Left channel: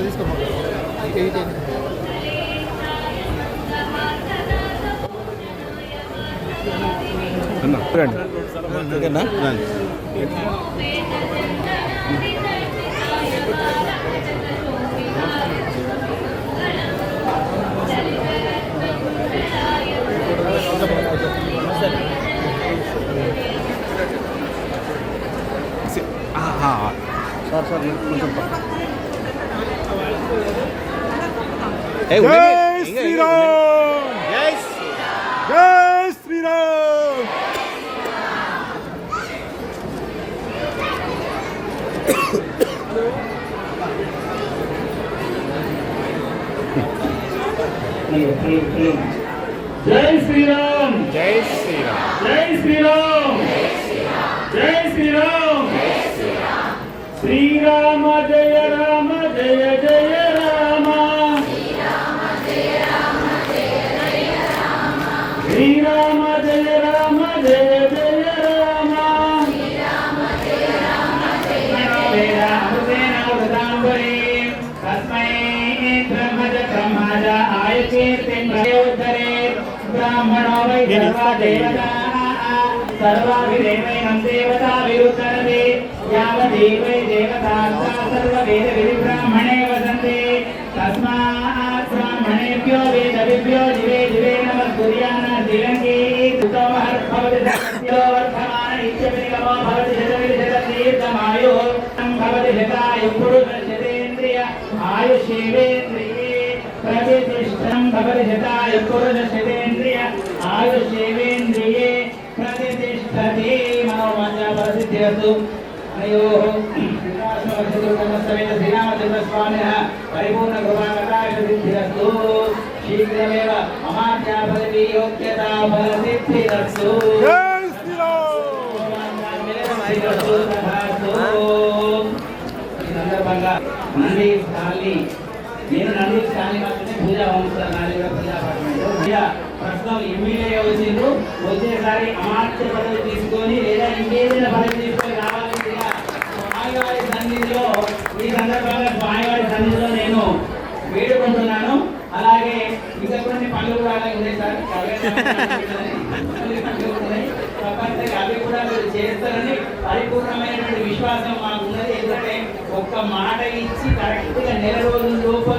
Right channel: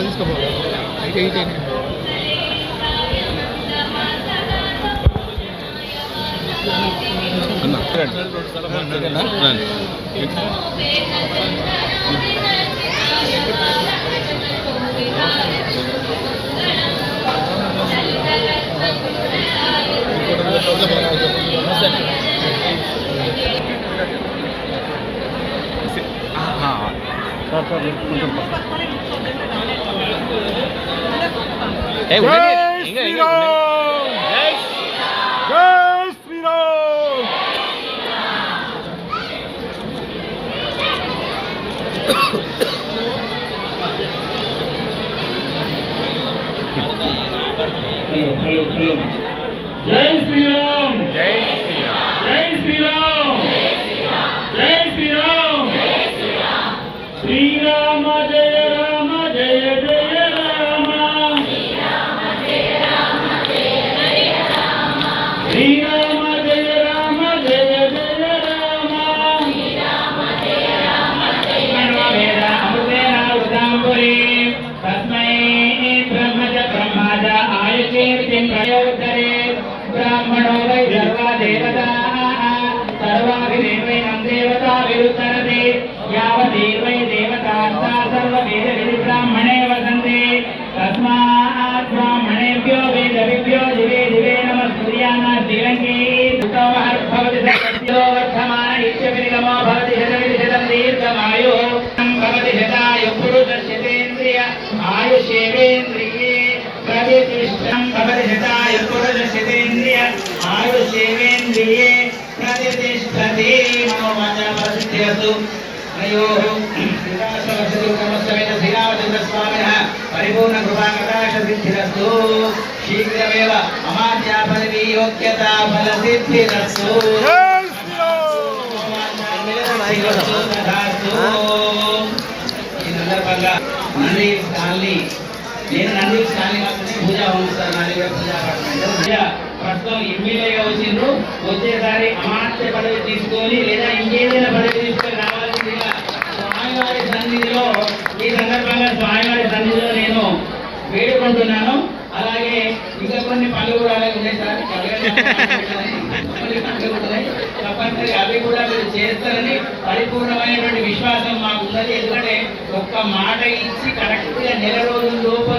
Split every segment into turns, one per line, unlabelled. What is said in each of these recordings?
ఇంకా ఇంకా ఇట్లా తీసుకోపోవాలి ఇంకా ఇంకా
సార్. సార్ కొంచెం
Hey, we're Yay, it. Inga, ఆయుషీర్తిం ప్రయోద్ధరే బ్రాహ్మణో వై సర్వా దేవతా సర్వాభిదేవైనం దేవతా విరుద్ధరతే యావదే వై దేవతా సా సర్వవేద విధి బ్రాహ్మణే వసంతే. తస్మాత్ బ్రాహ్మణేభ్యో వేద విభ్యో దివే దివే నమస్కుర్యాన శ్రీరంగే భవతి సత్యో శ్రీరామస్వామి శ్రీరామచంద్రస్వామినः పరిపూర్ణ కృపాకటాక్ష సిద్ధిరస్తు శీఘ్రమేవ అమాత్యా పదవీ యోగ్యతా ఫల సిద్ధిరస్తు
జై శ్రీరామ్
సిద్ధిరస్తు తథాస్తు ఈ సందర్భంగా నంది కాలనీ నేను నంది కాలనీ మాత్రమే పూజ ప్రస్తుతం ఎమ్మెల్యేగా వచ్చిండ్రు వచ్చేసారి అమాత్య పదవి తీసుకొని లేదా ఇంకేదైనా పదవి తీసుకొని రావాల్సిందిగా స్వామివారి సన్నిధిలో ఈ సందర్భంగా స్వామివారి సన్నిధిలో నేను వేడుకుంటున్నాను. అలాగే ఇంకా కొన్ని పనులు కూడా అలాగే ఉన్నాయి సార్. తప్పనిసరిగా అవి కూడా మీరు చేస్తారని పరిపూర్ణమైనటువంటి విశ్వాసం మాకు ఉన్నది. ఎందుకంటే ఒక్క మాట ఇచ్చి కరెక్ట్గా నెల రోజుల
లోపల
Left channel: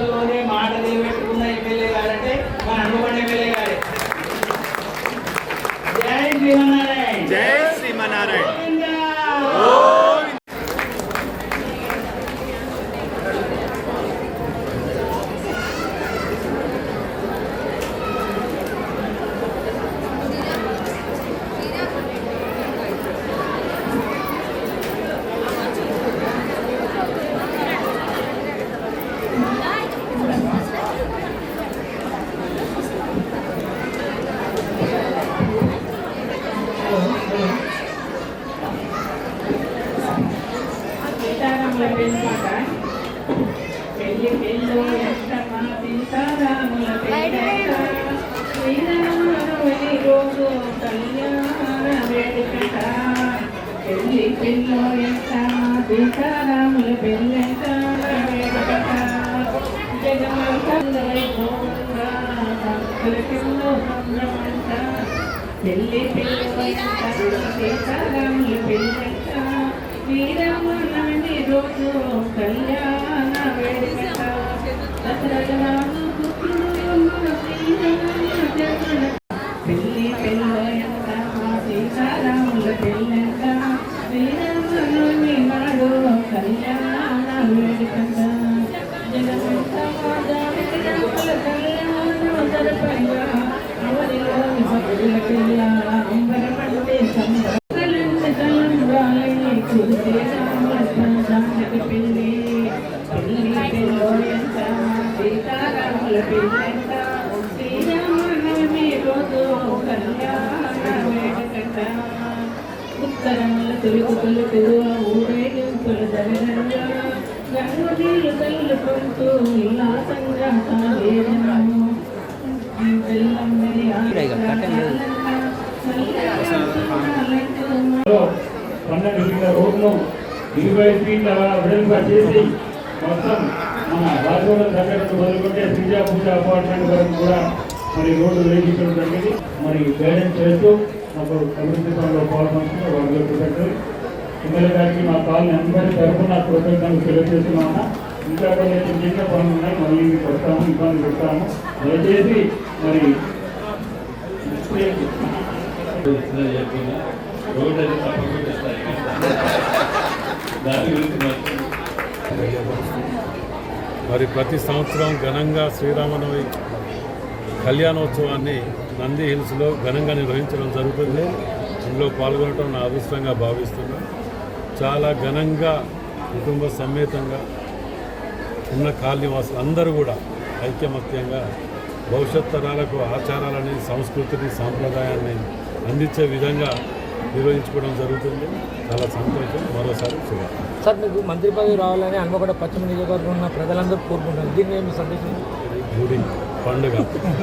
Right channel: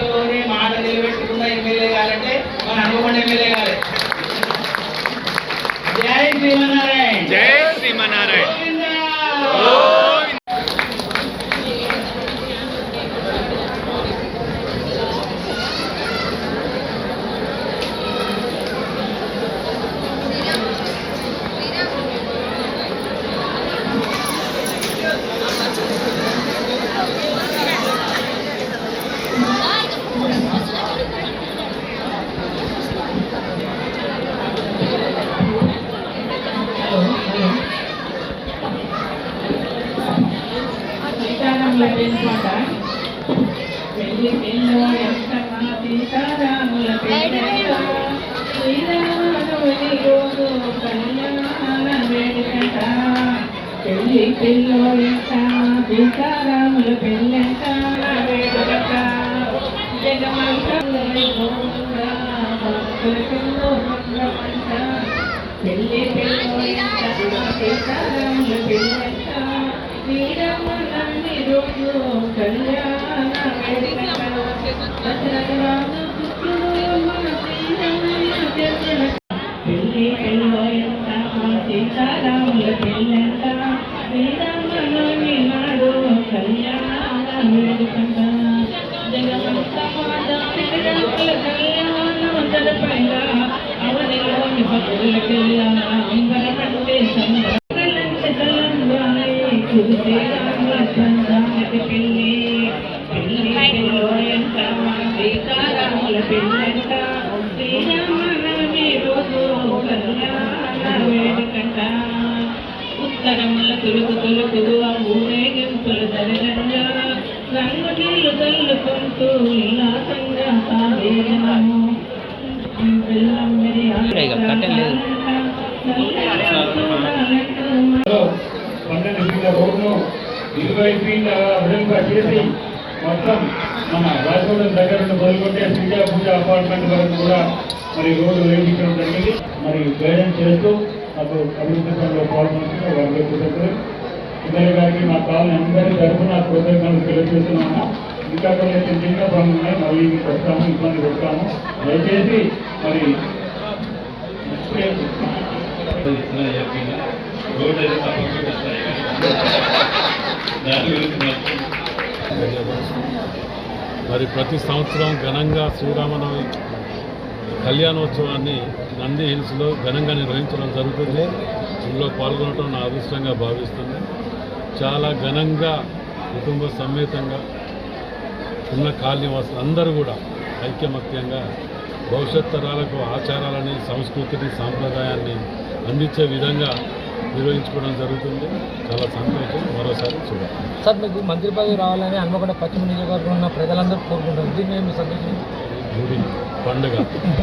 everyone. పెళ్ళి వేడుకంట జగమంతా వైభవంగా భక్తులకు మంగళమంట పెళ్ళి పెళ్ళు ఎంతమ్మ సీతారాముల పెళ్ళంట శ్రీరాములని రోజు కళ్యాణ పెళ్ళి పెళ్ళంట మా సీతారాముల పెళ్ళంట. శ్రీరాములని నాడు కళ్యాణ వేడుకంట జగమంతా మాదానికి రాముల కళ్యాణం జరపంగా అవనిలోని భక్తులకెల్లా అంబరపట్టే సంబర ఉత్తరముల తొలుకు తొలుకు ఆ ఊరేగింపులు జరగంగా తల్లుకుంటూ ఉల్లాసంగా.
పన్నెండు ఫీట్ల రోడ్ను ఇరవై ఫీట్ల చేసి
మొత్తం మన రాజగోడ దగ్గర నుండి మొదలుకొంటే శ్రీజ పూజ అపార్ట్మెంట్ వరకు కూడా మరి రోడ్డు వేయించడం జరిగింది. మరి గైడెన్స్ చేస్తూ మాకు అభివృద్ధి పనులు పాల్గొంటున్న వర్గ కృతజ్ఞతలు ఇద్దరి గారికి మా కాలనీ అందరి తరఫున కృతజ్ఞతలు తెలియజేస్తున్నాను. ఇంకా కొన్ని చిన్న పనులు ఉన్నాయి మళ్ళీ మీకు వస్తాము ఇబ్బంది పెడతాము. దయచేసి మరి
మరి ప్రతి సంవత్సరం ఘనంగా శ్రీరామనవమి కళ్యాణోత్సవాన్ని నంది హిల్స్లో ఘనంగా నిర్వహించడం జరుగుతుంది. ఇందులో పాల్గొనడం నా అదృష్టంగా భావిస్తుంది చాలా ఘనంగా కుటుంబ సమేతంగా ఉన్న కాలనీవాసులు అందరూ కూడా ఐక్యమత్యంగా భవిష్యత్ తరాలకు ఆచారాలని సంస్కృతిని సాంప్రదాయాన్ని అందించే విధంగా నిర్వహించుకోవడం జరుగుతుంది. చాలా సంతోషం. మరోసారి శుభాకాంక్షలు.
సార్ మీకు మంత్రి పదవి రావాలని హన్మకొండ పశ్చిమ నియోజకవర్గం ఉన్న ప్రజలందరూ కోరుకుంటారు దీన్ని మేము
గుడి పండుగ.